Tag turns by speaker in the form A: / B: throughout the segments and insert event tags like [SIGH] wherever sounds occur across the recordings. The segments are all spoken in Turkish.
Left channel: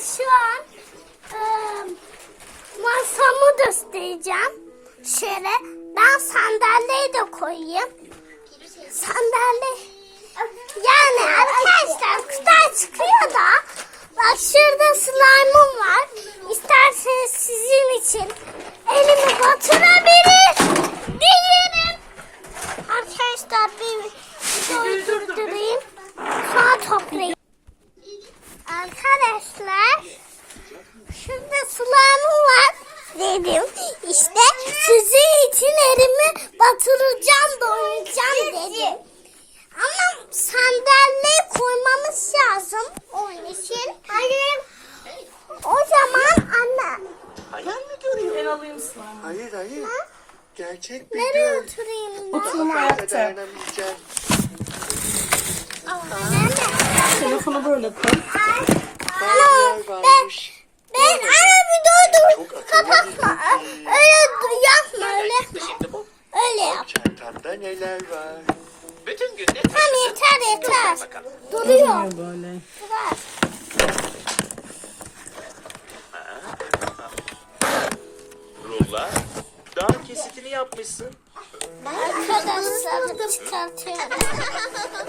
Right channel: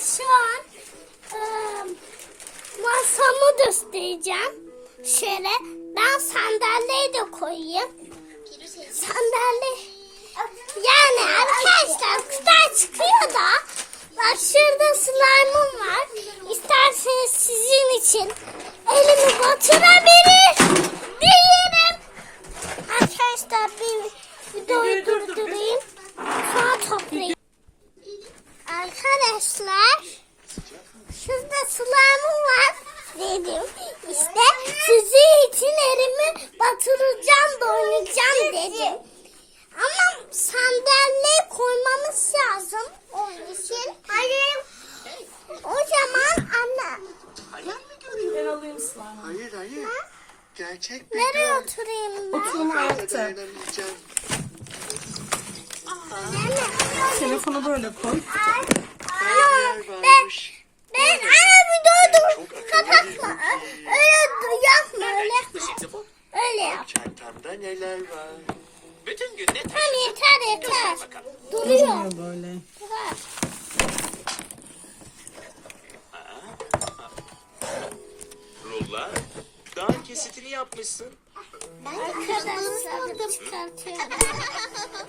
A: şu an e, masamı göstereceğim. Şöyle ben sandalyeyi de koyayım. Sandalye yani arkadaşlar kızlar çıkıyor da bak şurada slime'ım var. İsterseniz sizin için elimi batırabilir diyelim. Arkadaşlar bir videoyu durdurayım. Sonra toplayayım. Arkadaşlar şurada slime'ım var dedim. İçin elimi batıracağım, boyayacağım dedim. Ama sandalye koymamız lazım onun için. Hayır. O zaman anne
B: Ben alayım sana.
C: Hayır hayır. Gerçek bir
A: nereye
C: göl.
A: oturayım ben?
B: Oturun.
A: Nereye?
B: Telefonu böyle koy.
C: Yer
A: ben ben ana bir dur dur kapatma. Öyle yapma öyle. Öyle yap.
C: Çantamda neler var?
D: Bütün gün ne
A: Tamam yeter yeter. Duruyor.
B: Böyle.
A: Durar.
D: Rulla. Dağın kesitini yapmışsın.
A: Arkadaşlar çıkartıyorum.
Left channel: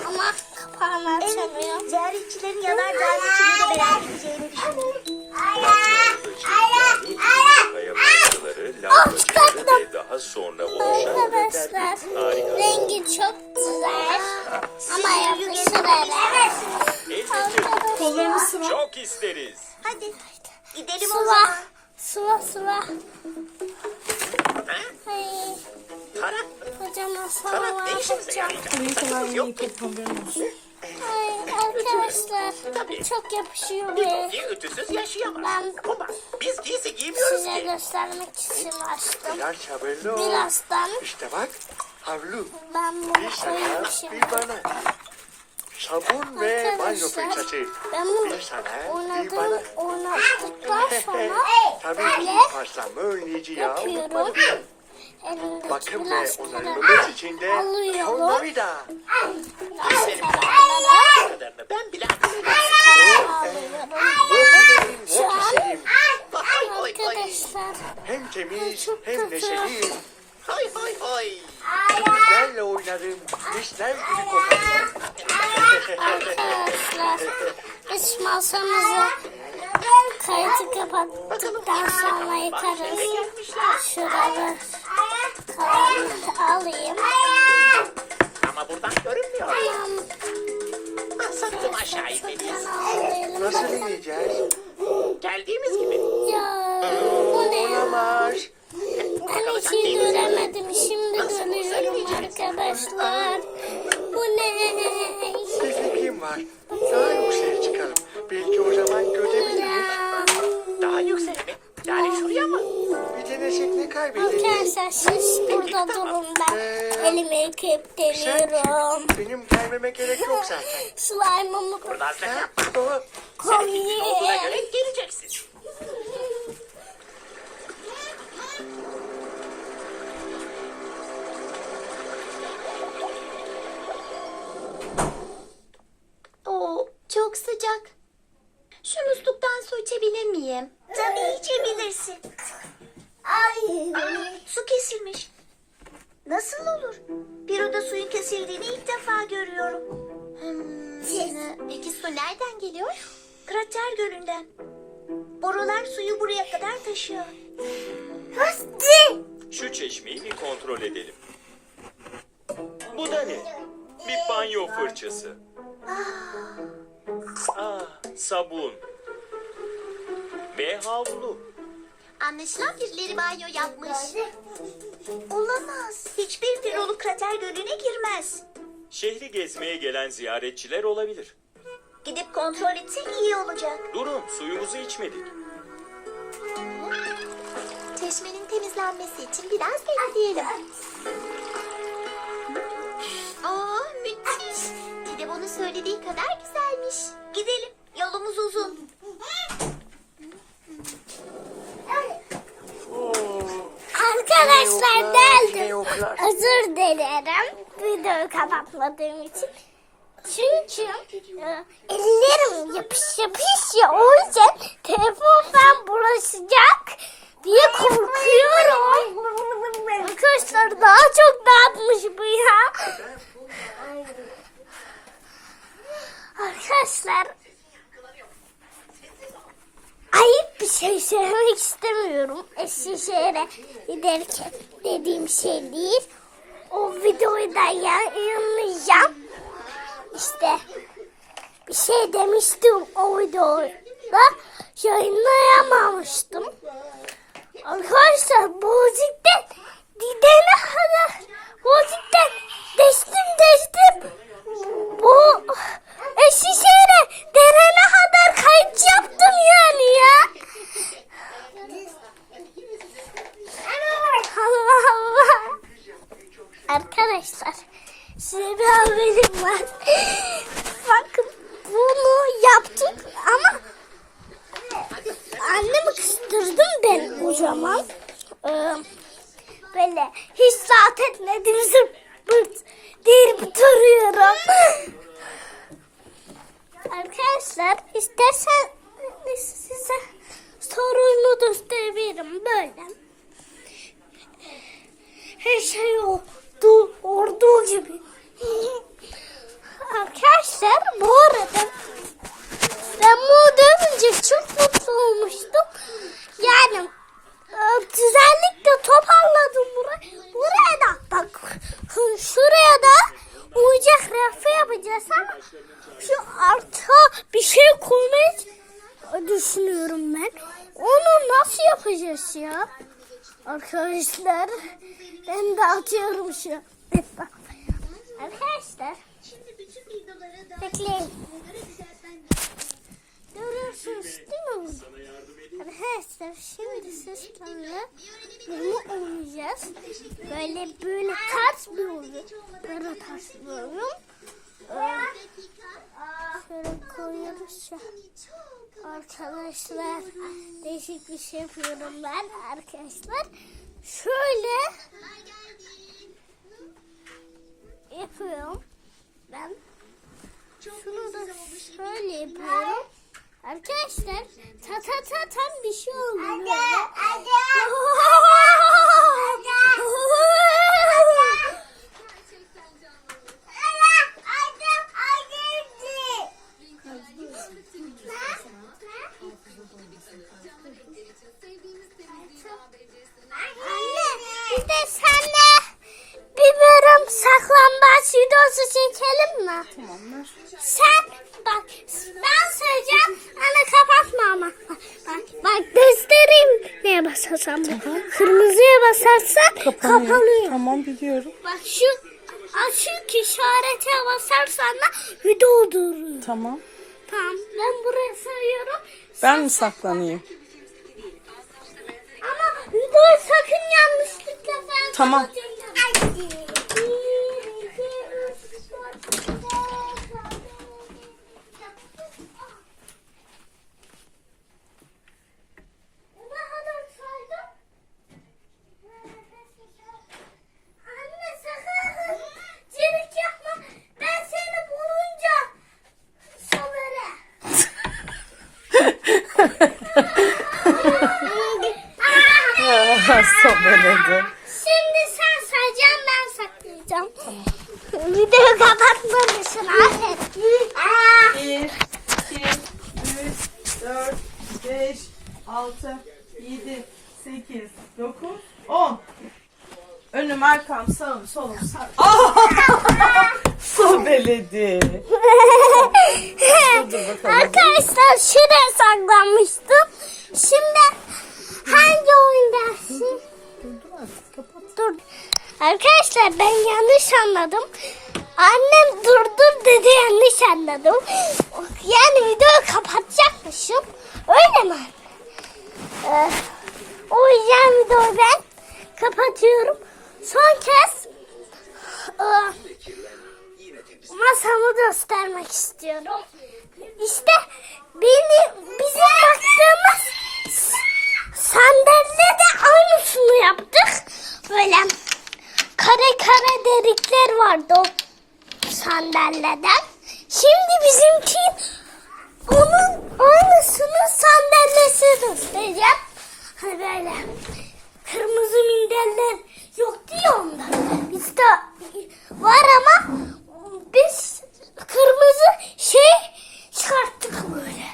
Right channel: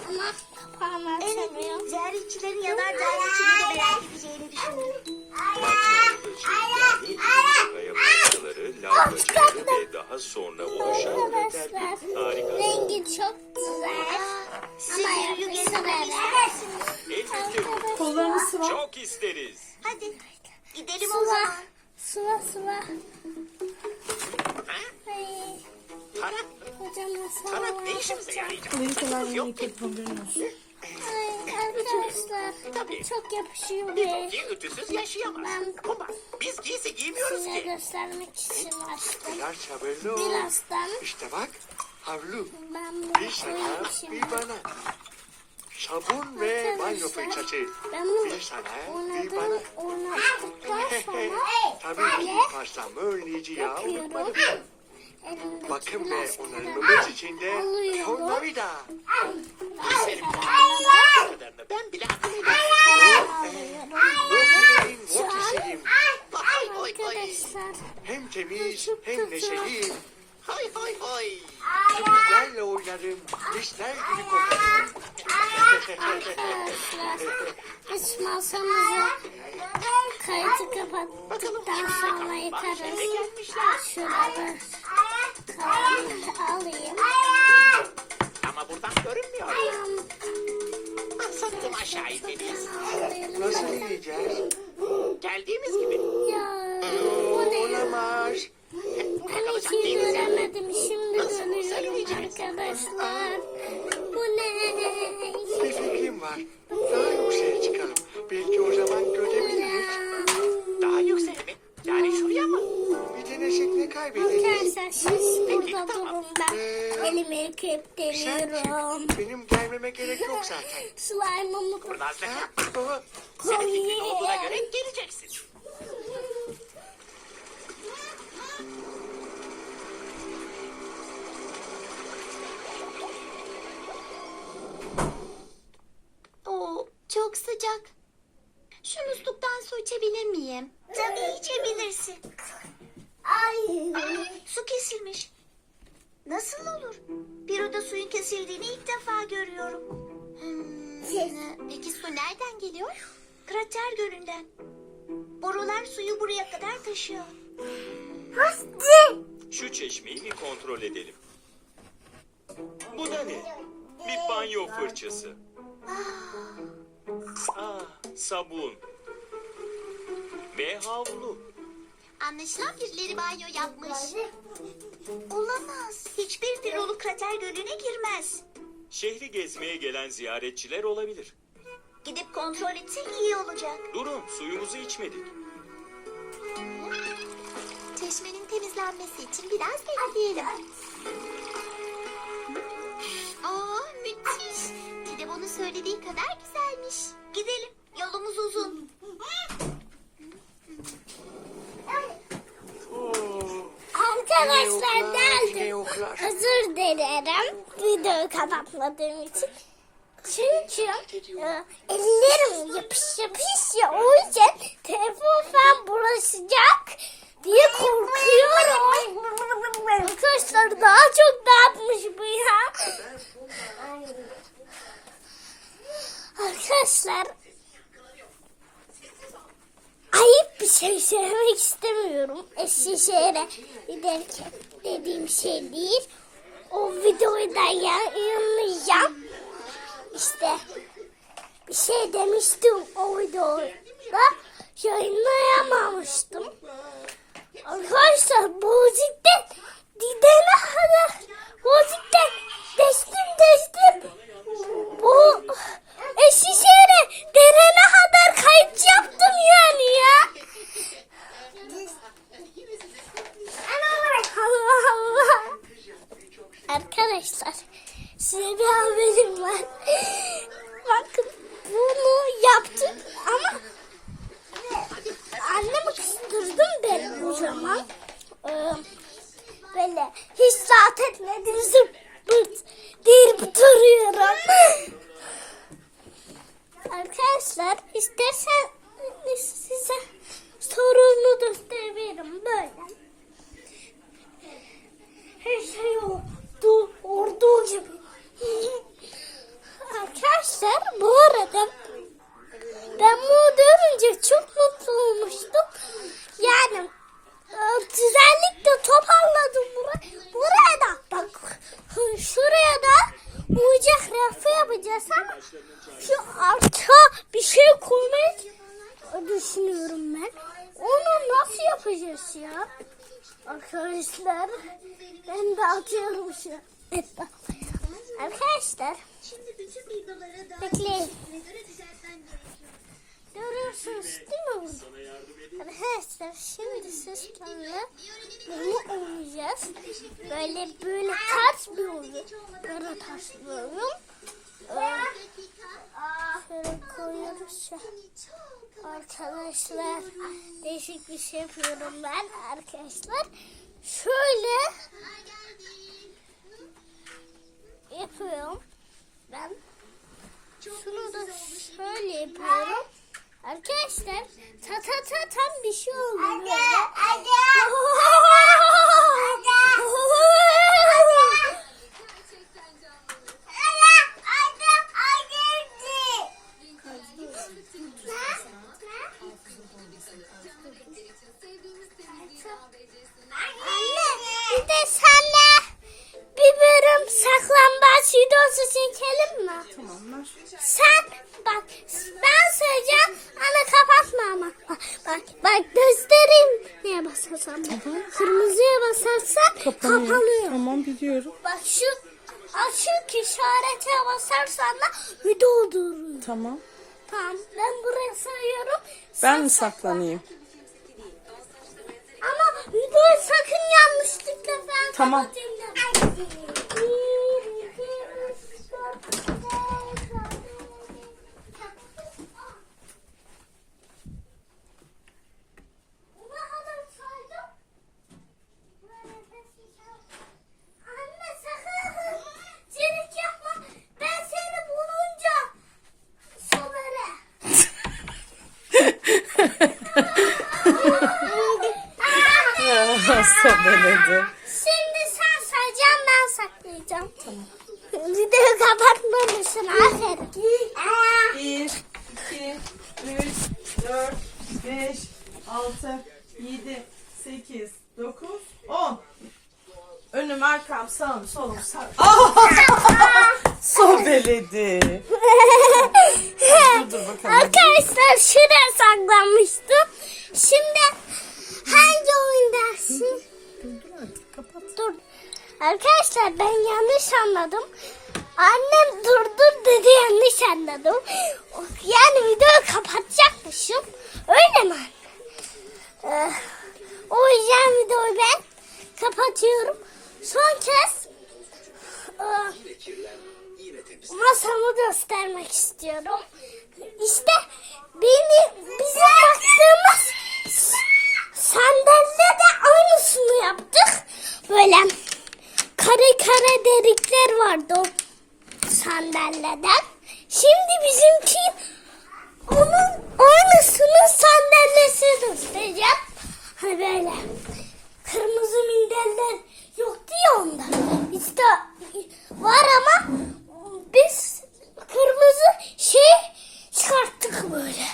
A: Ama kapağını açamıyorum.
E: Ziyaretçilerin yanardağ geçimini beğenmeyeceğini düşünüyorum.
D: Ve daha sonra
A: Arkadaşlar rengi çok güzel. Ama yapışır hele.
B: Kollarını sıva.
D: çok isteriz.
E: Hadi gidelim o
A: Sıva.
E: zaman.
A: Sıva sıva. Ay,
D: Tarak
A: kocaman
D: işimize
A: yapacağım.
B: haberin olsun.
A: Ay arkadaşlar çok yapışıyor ve ben
D: biz giysi giymiyoruz
A: size göstermek için açtım. Birazdan
C: İşte bak. Havlu.
A: ben bunu koyayım
C: bir bana. Sabun ve banyo fırçası.
A: ben bunu oynadım,
C: bana.
A: oynattıktan [LAUGHS] sonra
C: Tabii
A: böyle yapıyorum. Elimdeki
C: Bakın ve
A: biraz
C: onları
A: kenara
C: bulmak için de
A: alıyorum.
C: tornavida.
A: Biraz kenarlara
D: kadarını ben bile
A: Şu an arkadaşlar.
C: Hem temiz hem neşeli.
D: Hay hay hay.
C: Çocuklarla oynarım. Dişler gibi kokarım.
A: arkadaşlar. [LAUGHS] İç masamızı kayıtı kapattıktan sonra yıkarız. Şuraları alayım.
D: Ama buradan görünmüyor. Sakın aşağı.
A: Alayım.
C: Nasıl ineceğiz?
D: Geldiğimiz gibi.
A: Ya bu ne ya?
C: Var.
A: Ben hiç göremedim. Şimdi görüyorum arkadaşlar. Slime'ımı
D: Buradan
C: Ha?
D: sen
C: Doğru.
D: buna
A: koyayım.
D: göre geleceksin.
E: Oo, çok sıcak. Şu musluktan su içebilir miyim? Tabii içebilirsin. Ay, su kesilmiş. Nasıl olur? Bir oda suyun kesildiğini ilk defa görüyorum. Hmm, peki su nereden geliyor? Krater Gölü'nden. Borular suyu buraya kadar taşıyor.
D: Şu çeşmeyi bir kontrol edelim. Bu da ne? Bir banyo fırçası. Aa, sabun. Ve havlu.
E: Anlaşılan birileri banyo yapmış. Olamaz. Hiçbir filolu krater gölüne girmez.
D: Şehri gezmeye gelen ziyaretçiler olabilir.
E: Gidip kontrol etsek iyi olacak.
D: Durun, suyumuzu içmedik.
E: Çeşmenin temizlenmesi için biraz bekleyelim. Aa müthiş. Dile bunu söylediği kadar güzelmiş. Gidelim. Yolumuz uzun.
A: Arkadaşlar geldim. Özür dilerim videoyu kapatmadığım için. Çünkü e, ellerim yapış yapış ya o yüzden telefon bulaşacak diye korkuyorum. Arkadaşlar daha çok dağıtmış bu ya. Arkadaşlar ayıp bir şey söylemek istemiyorum. Eskişehir'e giderken dediğim şey değil. O videoyu da yayınlayacağım. İşte bir şey demiştim o videoda. Yayınlayamamıştım. Arkadaşlar Bozik'ten gidene kadar Bozik'ten geçtim geçtim. Bu Eskişehir'e gelene kadar kayıt yaptım yani ya. Allah. Arkadaşlar size bir haberim var. Bakın bunu yaptık ama annemi kıstırdım ben o zaman. Ee, böyle hiç saat etmedim zırt deyip duruyorum. Arkadaşlar istersen size sorumu gösterebilirim böyle. Her şey oldu, olduğu gibi. Arkadaşlar bu arada ben bunu görünce çok mutlu olmuştum. Yani e, güzellikle toparladım burayı. Buraya da bak şuraya da uyacak rafı yapacağız ama şu arka bir şey koymayı düşünüyorum ben. Onu nasıl yapacağız ya? Arkadaşlar ben de atıyorum şu. Arkadaşlar bekleyin. Görüyorsunuz değil mi? Arkadaşlar şimdi sizlerle bunu oynayacağız. Böyle böyle ters bir oyun. Böyle ters bir oyun. Ee, Şöyle koyuyoruz ya. Arkadaşlar değişik bir şey yapıyorum ben arkadaşlar. Şöyle yapıyorum. Ben şunu da şöyle yapıyorum. Arkadaşlar ta ta ta tam bir şey oluyor. Anne [LAUGHS] mi?
B: Tamam.
A: Sen bak ben söyleyeceğim ama kapatma ama. Bak bak, göstereyim neye basarsan. Kırmızıya basarsan kapanıyor.
B: Tamam biliyorum.
A: Bak şu açık işarete basarsan da video durur.
B: Tamam.
A: Tamam ben buraya sayıyorum.
B: Ben mi saklanayım?
A: Ama videoyu sakın yanlışlıkla sen
B: Tamam.
A: kapatınca. Bir, iki, üç, dört, beş, altı, Ne kadar saydım? Anne sakın cirik yapma. Ben seni bulunca söverim.
B: Sobeledi.
A: Şimdi sen sayacaksın ben saklayacağım. Tamam. Videoyu kapatmamışsın aferin. Aa,
B: 1, 2, 3, 4, 5, 6, 7, 8, 9, 10. Önüm, arkam, sağım, solum, sağ. [LAUGHS] [LAUGHS] Sobeledi. [LAUGHS]
A: Arkadaşlar şuraya saklanmıştım. Şimdi hangi oyun dersin? Dur. Arkadaşlar ben yanlış anladım. Annem durdur dedi yanlış anladım. Yani videoyu kapatacakmışım. Öyle mi? Ee, o yüzden videoyu ben kapatıyorum. Son kez e, masamı göstermek istiyorum. İşte beni bizim baktığımız sandalye de aynısını yaptık. Böyle kare kare delikler vardı o sandalyeden. Şimdi bizimki onun aynısının sandalyesini göstereceğim. Hani böyle kırmızı minderler yoktu ya onda. Bizde var ama biz kırmızı şey çıkarttık böyle.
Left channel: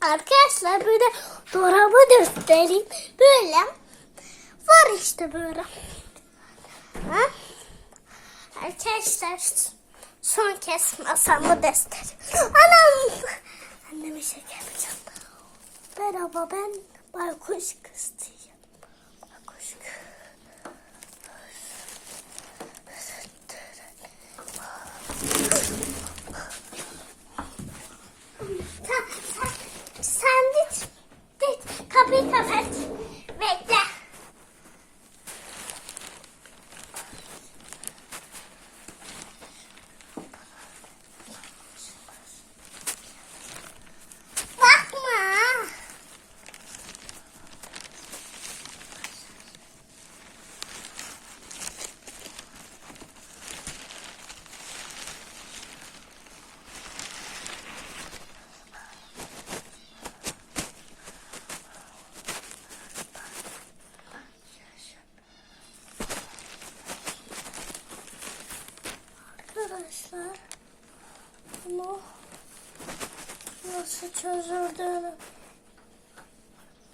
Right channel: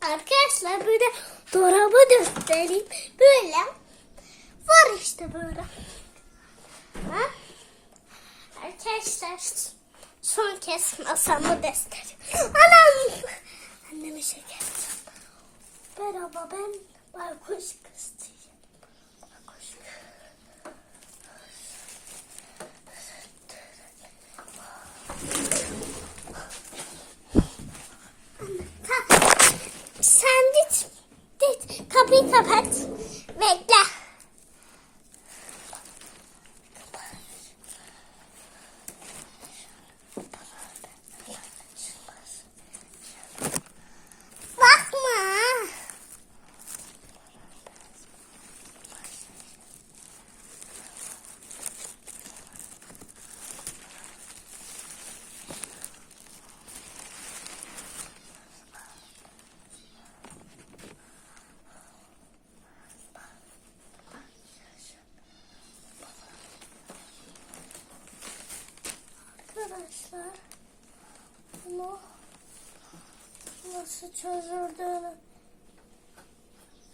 A: Arkadaşlar böyle dolabı göstereyim. Böyle var işte böyle. Ha? Arkadaşlar son kez masamı göstereyim. Anam! Anneme şeker yapacağım. Merhaba ben baykuş kız nasıl çözüldüğünü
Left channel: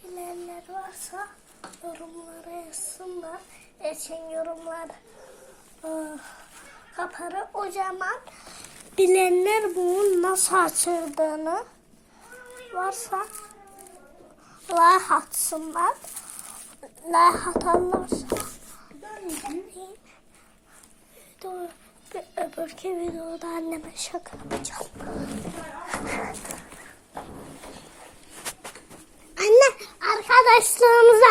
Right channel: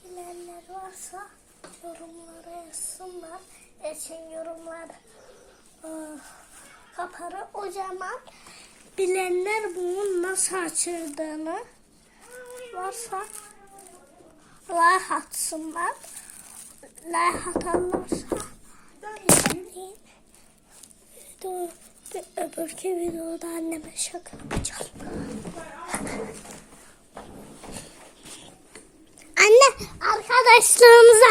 A: bilenler varsa yorumlara yazsınlar. Geçen yorumlar kaparı o zaman bilenler bunun nasıl açıldığını varsa like atsınlar. Like atarlarsa Dur, öbürkü videoda anneme şaka yapacağım. [LAUGHS] Anne arkadaşlarımıza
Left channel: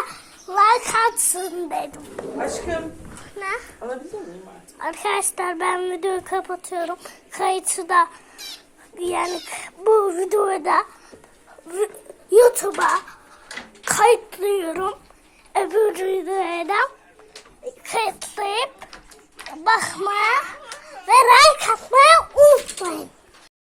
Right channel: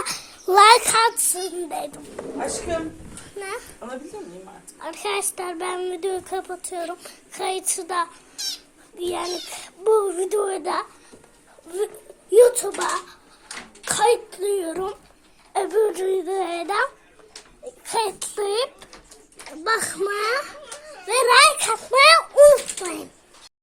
A: like atsın dedim.
B: Aşkım
A: Ne?
B: alabilir miyim artık?
A: Arkadaşlar ben videoyu kapatıyorum. Kayıtı da yani bu videoyu da YouTube'a kayıtlıyorum. Öbür videoya da kayıtlayıp bakmaya ve like atmayı unutmayın.